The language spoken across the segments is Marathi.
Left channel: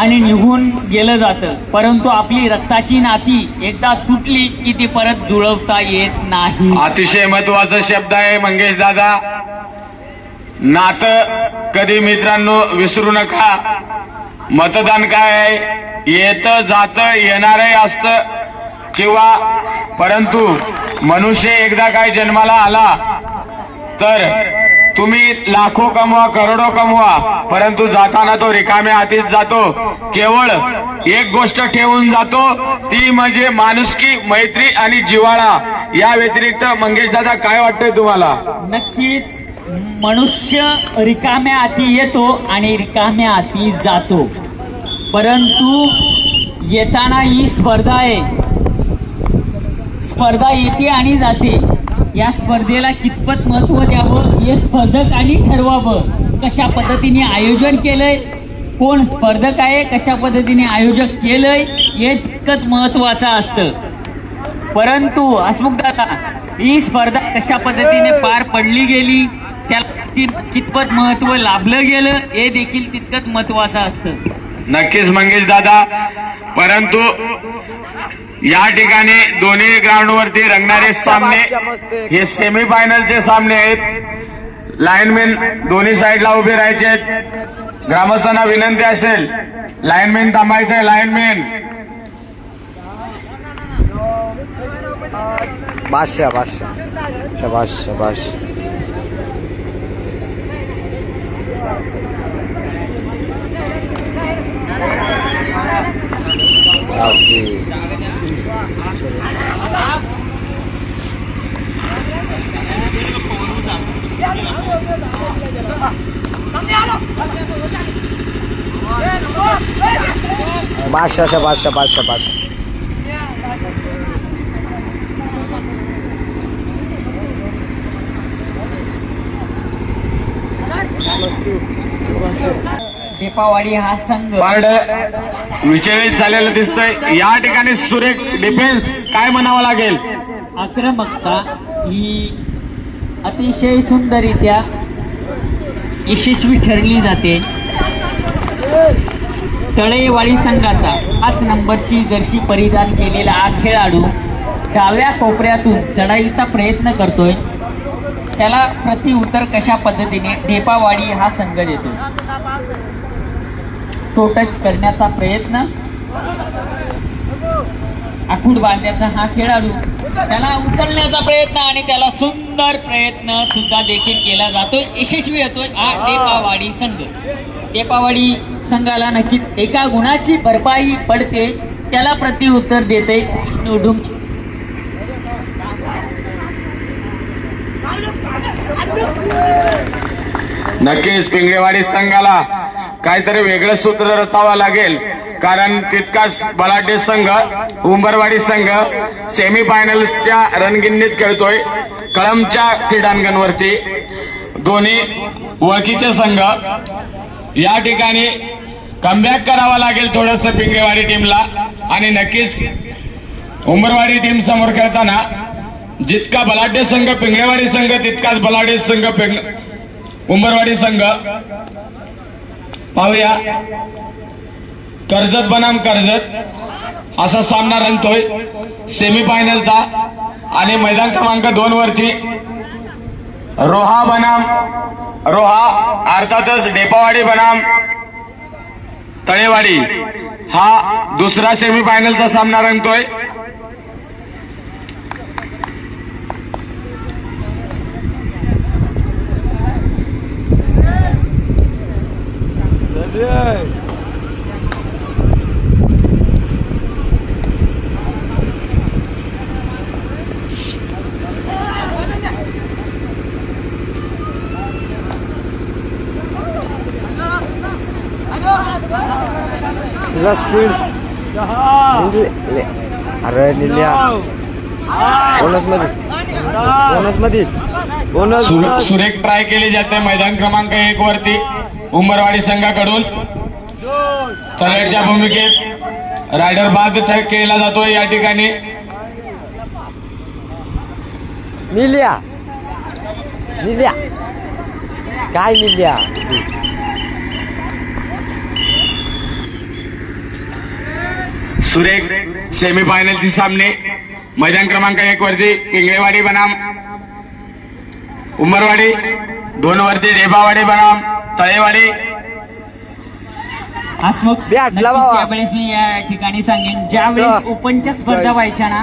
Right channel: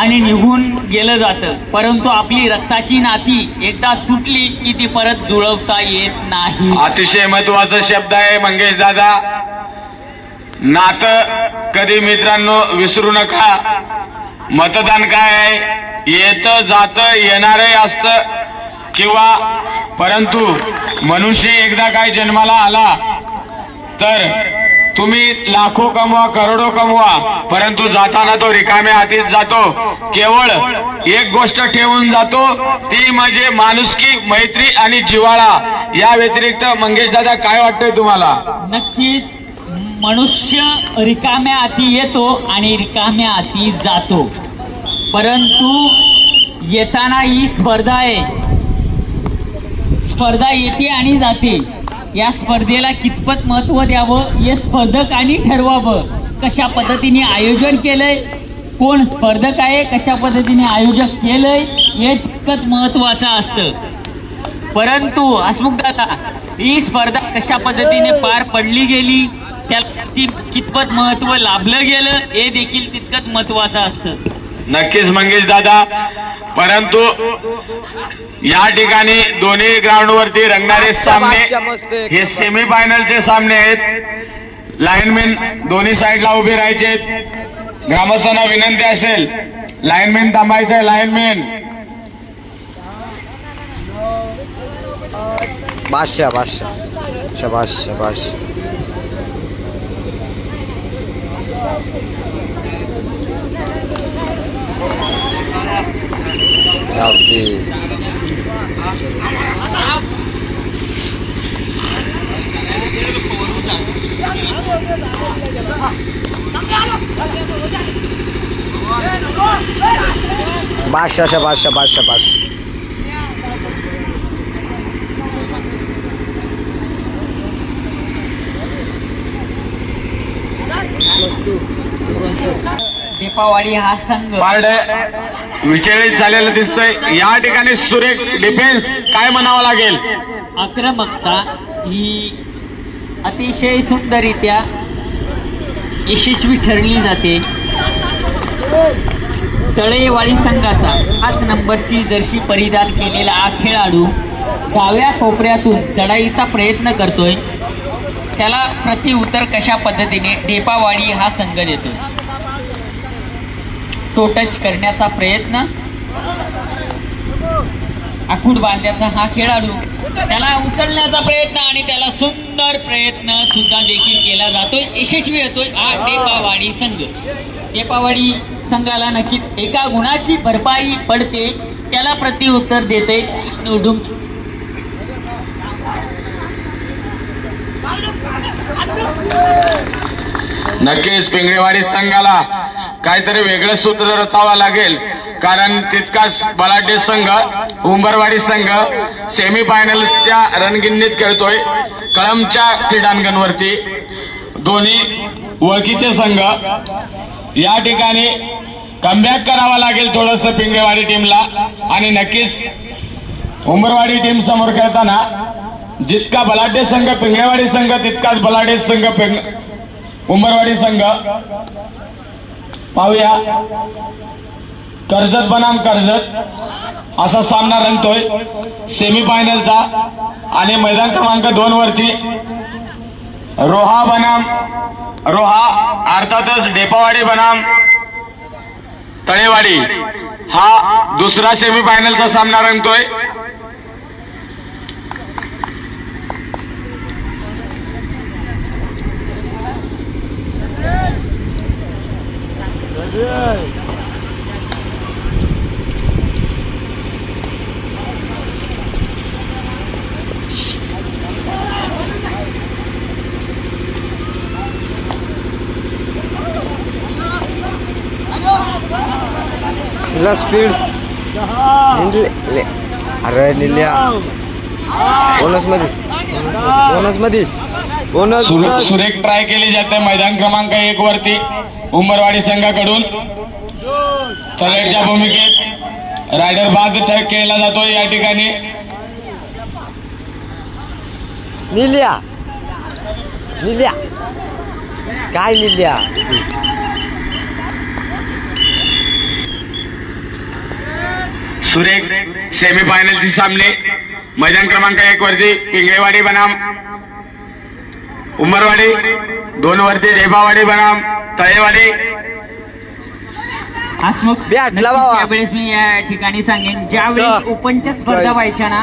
आणि निघून गेलं जातं, परंतु आपली रक्ताची नाती एकदा तुटली की ती परत जुळवता येत नाही. अतिशय महत्वाचा शब्द आहे मंगेश दादा. नातं कधी मित्रांनो विसरू नका. मतदान काय आहे, येतं जातं येणारही असतं किंवा, परंतु मनुष्य एकदा काय जन्माला आला तर तुम्ही लाखो कमवा करोडो कमवा, परंतु जाताना तो रिकाम्या हातीत जातो. केवळ एक गोष्ट ठेवून जातो, ती म्हणजे माणुसकी, मैत्री आणि जिव्हाळा. या व्यतिरिक्त मंगेश दादा काय वाटतंय तुम्हाला? नक्कीच मनुष्य रिकाम्या हाती येतो आणि रिकाम्या हाती जातो, परंतु येताना ही स्पर्धा आहे. स्पर्धा येते आणि जाते. या स्पर्धेला कितपत महत्व द्यावं हे स्पर्धकांनी ठरवावं. कशा पद्धतीने आयोजन केलंय, कोण स्पर्धक आहे, कशा पद्धतीने आयोजक केलंय हे तितकंच महत्वाचं असतं. परंतु हसमुख दादा, ही स्पर्धा कशा पद्धतीने पार पडली गेली, त्याला कितपत महत्व लाभलं गेलं हे देखील तितकंच महत्वाचं असतं. नक्कीच मंगेश दादा, परंतु या ठिकाणी दोन्ही ग्राउंडवरती रंगणारे सामने हे सेमी फायनलचे सामने आहेत. लाईनमॅन दोन्ही साईडला उभे राहायचे आहेत. ग्रामस्थांना विनंती असेल, लाईनमॅन थांबायचंय. लाईनमॅन बादशाह बादशाह शाबाश शाबाश. बादशाह शाबाश शाबाश शाबाश. ढेपावाडी हा संघ विचलित झालेलं दिसतंय. या ठिकाणी सुरेख डिफेन्स काय म्हणावं लागेल. आक्रमकता ही अतिशय सुंदररित्या यशस्वी ठरली जाते. तळेवाडी संघाचा 5 नंबरची जर्सी परिधान केलेला हा खेळाडू डाव्या कोपऱ्यातून चढाईचा प्रयत्न करतोय. त्याला प्रतिउत्तर कशा पद्धतीने ढेपावाडी हा संघ देतो. तो टच करण्याचा प्रयत्न, आखूड बांधण्याचा हा खेळाडू, त्याला उचलण्याचा प्रयत्न आणि त्याला सुंदर प्रयत्न सुद्धा देखील केला जातोय, यशस्वी होतोय हा ढेपावाडी संघ. ढेपावाडी संघाला नक्कीच एका गुणाची भरपाई पडते, त्याला प्रतिउत्तर देते निवडून. नक्कीच पिंगळेवाडी संघाला काहीतरी वेगळं सूत्र रचावं लागेल, कारण तितकाच बलाढ्य संघ उंबरवाडी संघ सेमी फायनलच्या रणगिन्नीत खेळतोय. कळमच्या क्रीडांगणवरती दोन्ही ओळखीचे संघ. या ठिकाणी कमबॅक करावा लागेल थोडंसं पिंगळेवाडी टीमला, आणि नक्कीच उंबरवाडी टीम समोर खेळताना जितका बलाढ्य संघ पिंगळेवाडी संघ तितकाच बलाढ्य संघ उंबरवाडी संघ. पाहूया कर्जत बनाम कर्जत असा सामना रंगतोय सेमी फायनलचा. आणि मैदान क्रमांक 2 वरती रोहा बनाम रोहा, अर्थातच ढेपावाडी बनाम तळेवाडी हा दुसरा सेमी फायनलचा सामना रंगतोय. स्पीड अरे निल्या बोनस मध्ये सुरेख ट्राय केली जाते मैदान क्रमांक 1 वरती उंबरवाडी संघाकडून. तळेच्या भूमिकेत रायडर बाद केला जातो. या ठिकाणी निल्या निल्या काय निल्या सुरेख सेमीफायनलचे सामने मैदान क्रमांक 1 वरती पिंगळेवाडी बनाम उंबरवाडी, 2 वरती डेबावाडी बनाम तळेवाडी. हसमुख भेटला बाबा. त्यावेळेस मी या ठिकाणी सांगेन, ज्यावेळेस ओपनच्या स्पर्धा व्हायच्या ना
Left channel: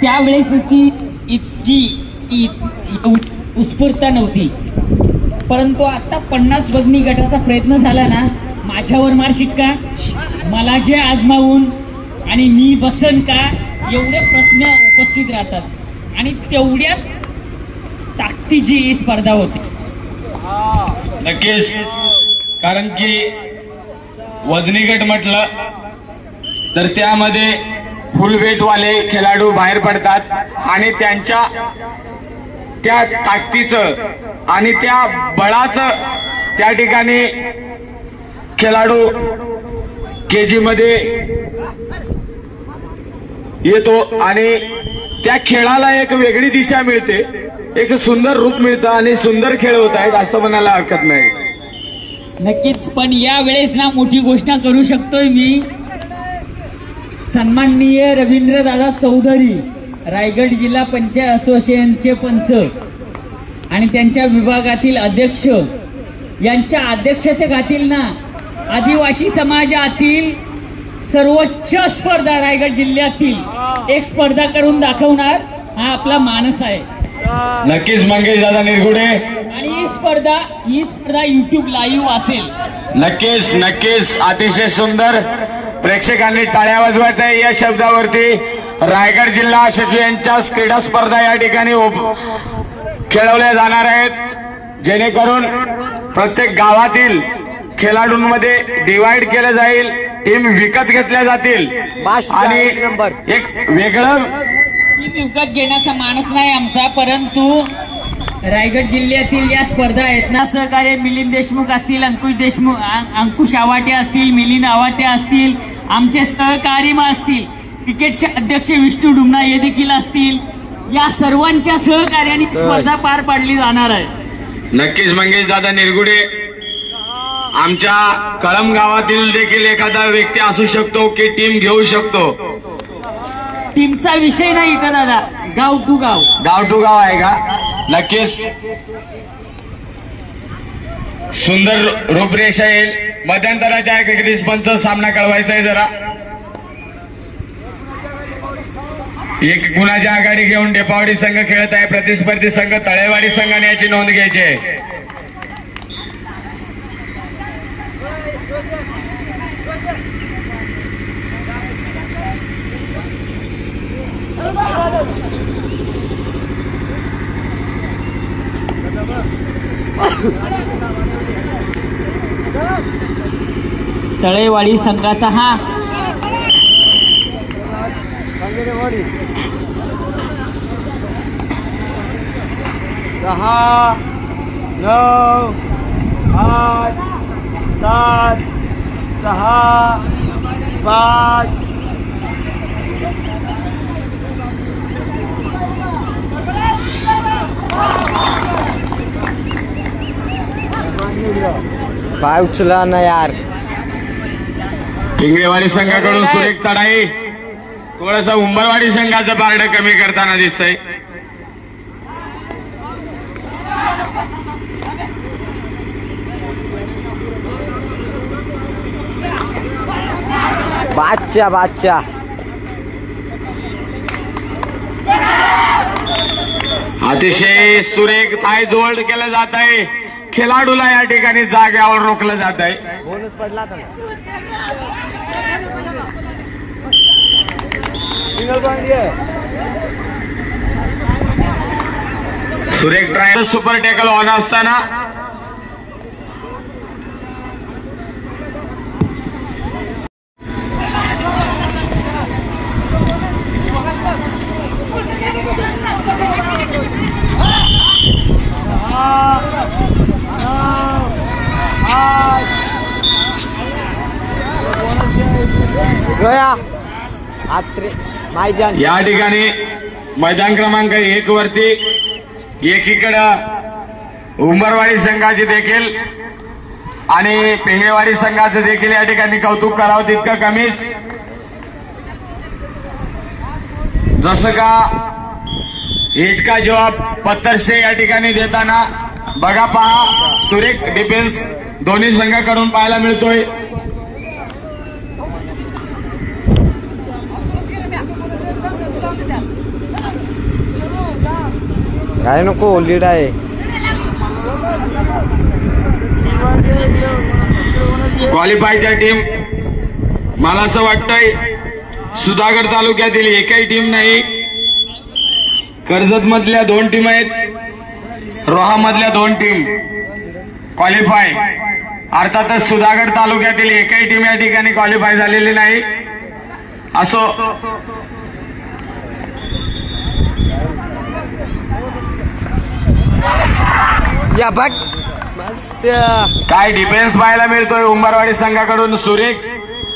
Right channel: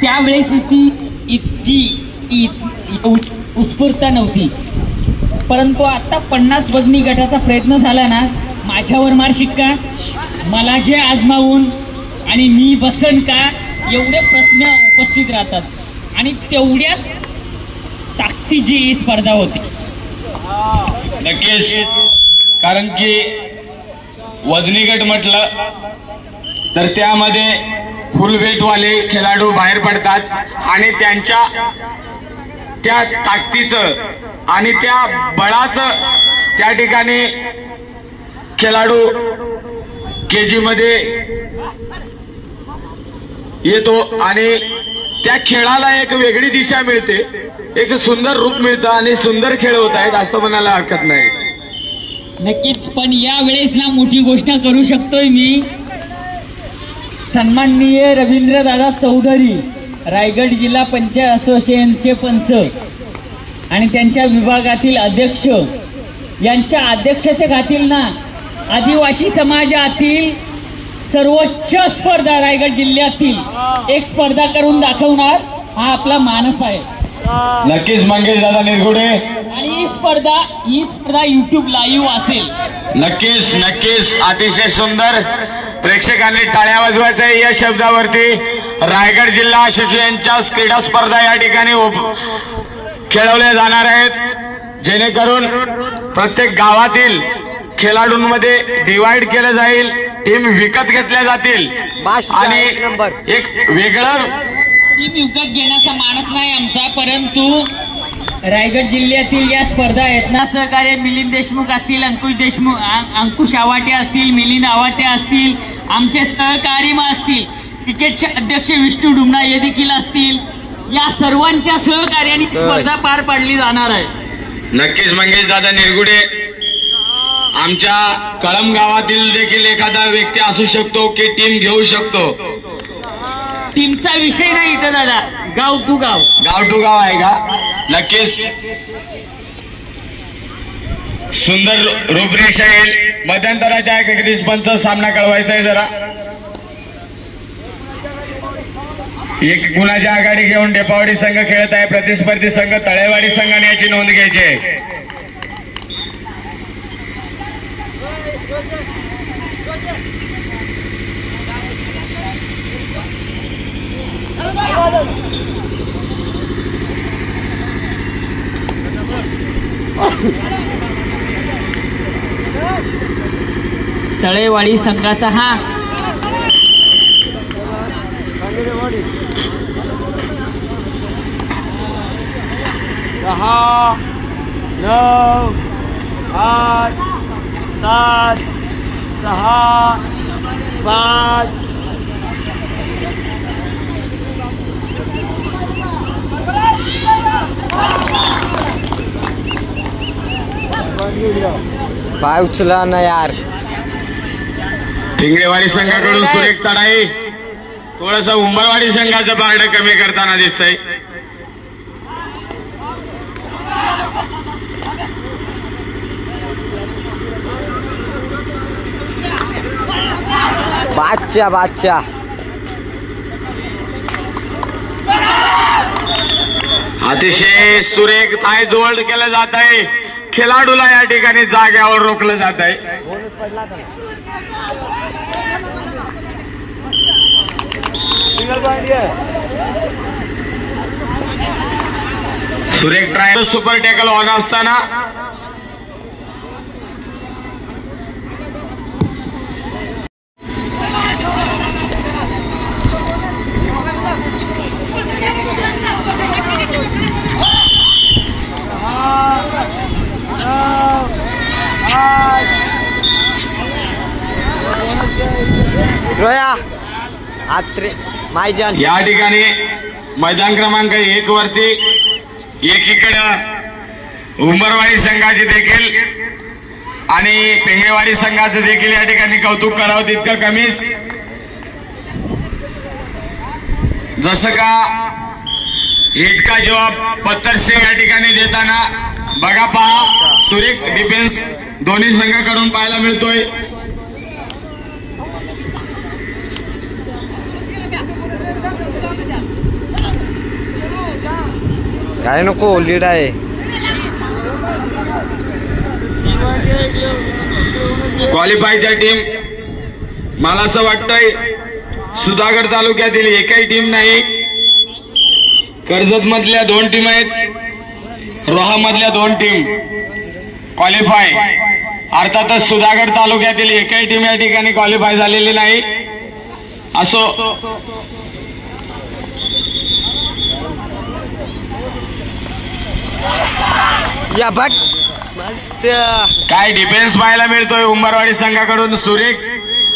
त्यावेळेस इतकी उत्स्फूर्तता नव्हती, परंतु आता 50 वजनी गटाचा प्रयत्न झाला ना, माझ्यावर मार शिक्का, मला जे आजमावून आणि मी बसन का एवढे प्रश्न उपस्थित राहतात आणि तेवढ्याच ताकदीची ही स्पर्धा होती. नक्कीच, कारण की वजनी गट म्हटलं तर त्यामध्ये फुल वेटवाले खेळाडू बाहेर पडतात आणि त्यांच्या त्या ताकदीचं आणि त्या बळाचं त्या ठिकाणी खेळाडू केजी मध्ये येतो आणि त्या खेळाला एक वेगळी दिशा मिळते, एक सुंदर रूप मिळतं आणि सुंदर खेळ होत आहेत असं म्हणायला हरकत नाही. नक्कीच, पण या वेळेस ना मोठी घोषणा करू शकतोय मी. सन्माननीय रवींद्रदादा चौधरी, रायगड जिल्हा पंचायत असोसिएशनचे पंच आणि त्यांच्या विभागातील अध्यक्ष यांच्या अध्यक्षतेखालील ना आदिवासी समाजातील सर्वोच्च स्पर्धा रायगड जिल्ह्यातील एक स्पर्धा करून दाखवणार हा आपला मानस आहे. नक्कीच मंगेश दादा निरगुडे, आणि ही स्पर्धा युट्यूब लाईव्ह असेल. नक्कीच नक्कीच, अतिशय सुंदर. प्रेक्षकांनी टाळ्या वाजवायच्या या शब्दावरती रायगड जिल्हा असोसिएशनच्या क्रीडा स्पर्धा या ठिकाणी खेळवल्या जाणार आहेत, जेणेकरून प्रत्येक गावातील खेळाडूंमध्ये डिवाइड केलं जाईल, टीम विकत घेतल्या जातील आणि एक वेगळं टीम विकत घेण्याचा मानस नाही आमचा, परंतु रायगड जिल्ह्यातील या स्पर्धा आहेत ना, सहकार्य मिलिंद देशमुख असतील, अंकुश आवाटे असतील, मिलिंद आवाटे असतील, आमचे सहकारी असतील, क्रिकेटचे अध्यक्ष विष्णू डुमना हे देखील असतील, या सर्वांच्या सहकार्याने स्पर्धा पार पाडली जाणार आहे. नक्कीच मंगेश दादा निरगुडे, आमच्या कळम गावातील देखील एखादा व्यक्ती असू शकतो की टीम घेऊ शकतो. टीमचा विषय नाही इथं दादा, गाव टू गाव आहे का? नक्कीच सुंदर रूपरेषा येईल. मध्यंतराच्या क्रिकेट पंच सामना कळवायचा आहे जरा. एक गुणाची आघाडी घेऊन डेपावाडी संघ खेळत आहे, प्रतिस्पर्धी संघ तळेवाडी संघाने याची नोंद घ्यायची आहे. तळेवाडी संघाचा हा 10, 9, 8, 7, 6, 5. पाय उचला ना यार. पिंगळेवाडी संघाकडून सुरेख चढाई, थोडस उंबरवाडी संघाचं पारडं कमी करताना दिसतंय. बादशाह अतिशय सुरेख ताय जोड केलं जात आहे. खेळाडूला या ठिकाणी जाग्यावर रोखलं जात आहे. बोनस पडला था. सुरेख ट्रायल सुपर टॅकल ऑन असताना रोया आत्रे मायजान या ठिकाणी मैदान क्रमांक 1 वरती एकीकडे उंबरवाडी संघाचे देखील आणि पेंगळेवाडी संघाचं देखील या ठिकाणी कौतुक करावं तितकं कमीच. जसं का ईद का जवाब पत्थर से या ठिकाणी देताना बघा पहा सुरेख डिफेन्स दोन्ही संघाकडून पाहायला मिळतोय. काय नको लीड आहे. क्वालिफायच्या टीम मला असं वाटतंय सुधागड तालुक्यातील एकही टीम नाही. कर्जत मधल्या 2 टीम आहेत, रोहा मधल्या 2 टीम क्वालिफाय. अर्थातच सुधागड तालुक्यातील एकही टीम या ठिकाणी क्वालिफाय झालेली नाही. असो या बघ मस्त काय डिफेन्स पाहायला मिळतोय उंबरवाडी संघाकडून. सुरेख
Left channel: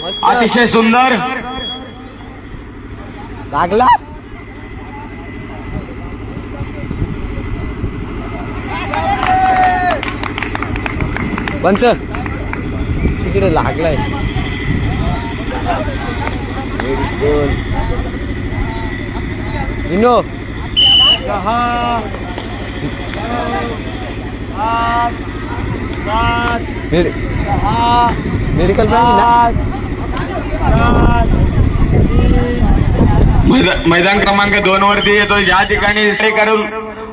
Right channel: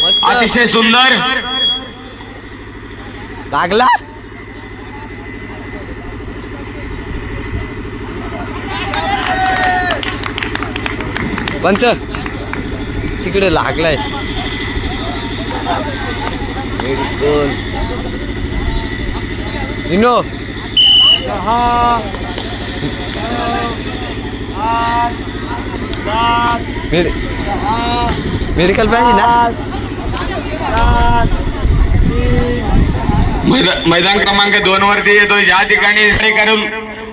मस्त अतिशय सुंदर लागला. पंच तिकडे लागलाय. मेडिकल इनो 6 8 7 मेडिकल पाहिजे ना. 7 मैदान क्रमांक 2 वरती येतो. या ठिकाणी करून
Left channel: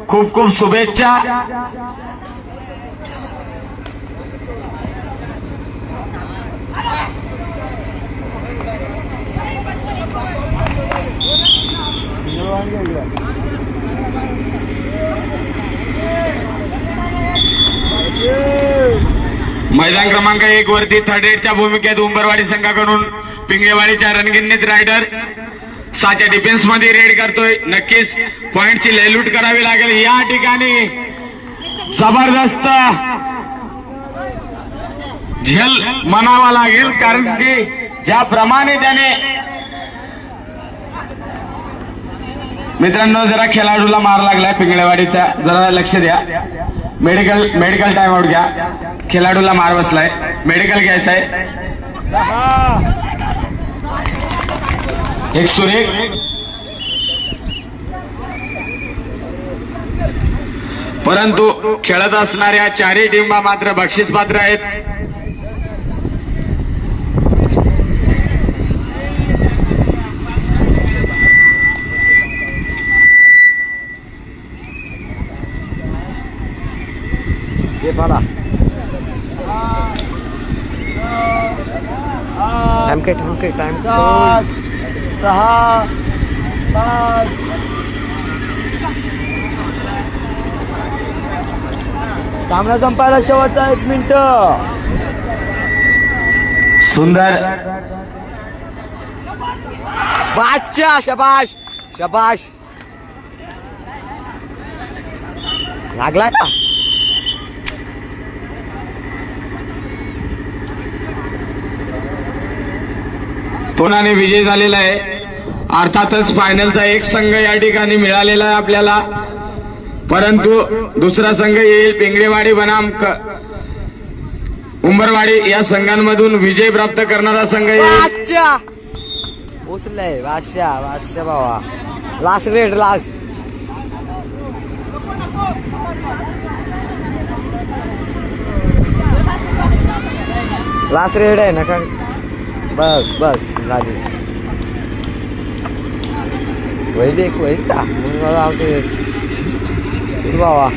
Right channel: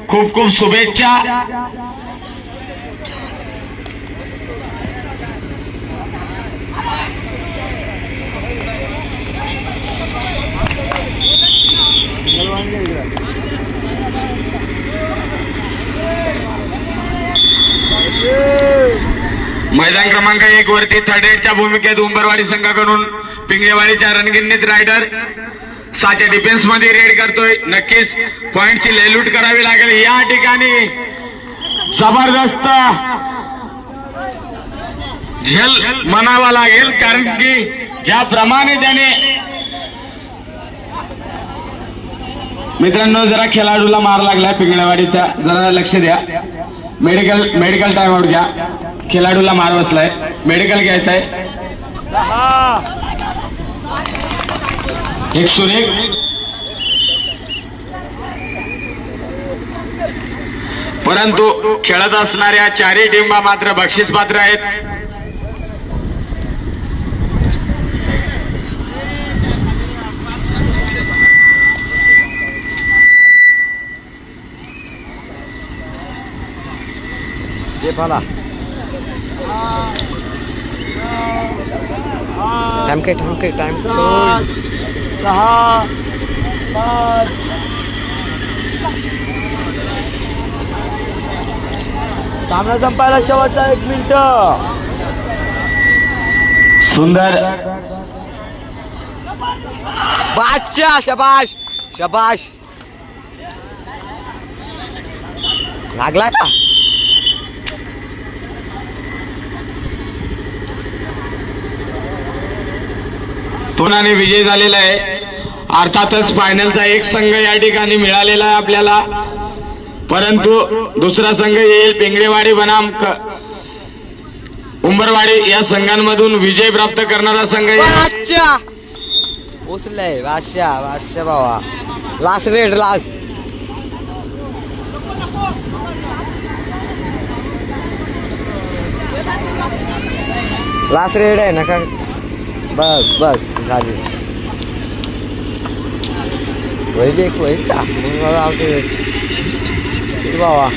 खूप खूप शुभेच्छा. मैदान क्रमांक 1 वरती थर्ड एडच्या भूमिकेत उंबरवाडी संघाकडून पिंगळेवाडीच्या रणगिरणीत रायडर 7च्या डिफेन्स मध्ये रेड करतोय. नक्कीच पॉइंटची लेलूट करावी लागेल. या ठिकाणी जबरदस्त झेल म्हणावा लागेल, कारण की ज्याप्रमाणे त्याने मित्रांनो जरा खेळाडूला मार लागलाय पिंगळेवाडीचा, जरा लक्ष द्या. मेडिकल टाइम आउट घ्या. खेळाडूला मार बसलाय, मेडिकल घ्यायचंय. एक सुरेख परंतु खेळत असणाऱ्या 4ही टीम मात्र बक्षीस पात्र आहेत. जे पाला टाइम 6 5 सामना संपायला शेवटचा 1 मिनिट. सुंदर बादशाह. शबाश शबाश. लागला का. तोनाने विजय झालेला आहे. अर्थातच फायनलचा एक संघ या ठिकाणी मिळालेला आहे आपल्याला, परंतु दुसरा संघ येईल पिंगळेवाडी बनाम उंबरवाडी या संघांमधून विजय प्राप्त करणारा संघ येईल. बादशाह पोचलंय. बादशाह बाबा. लास्ट रेड लास्ट रेड आहे ना का. बस झाली. वैल का मग मला बाबा.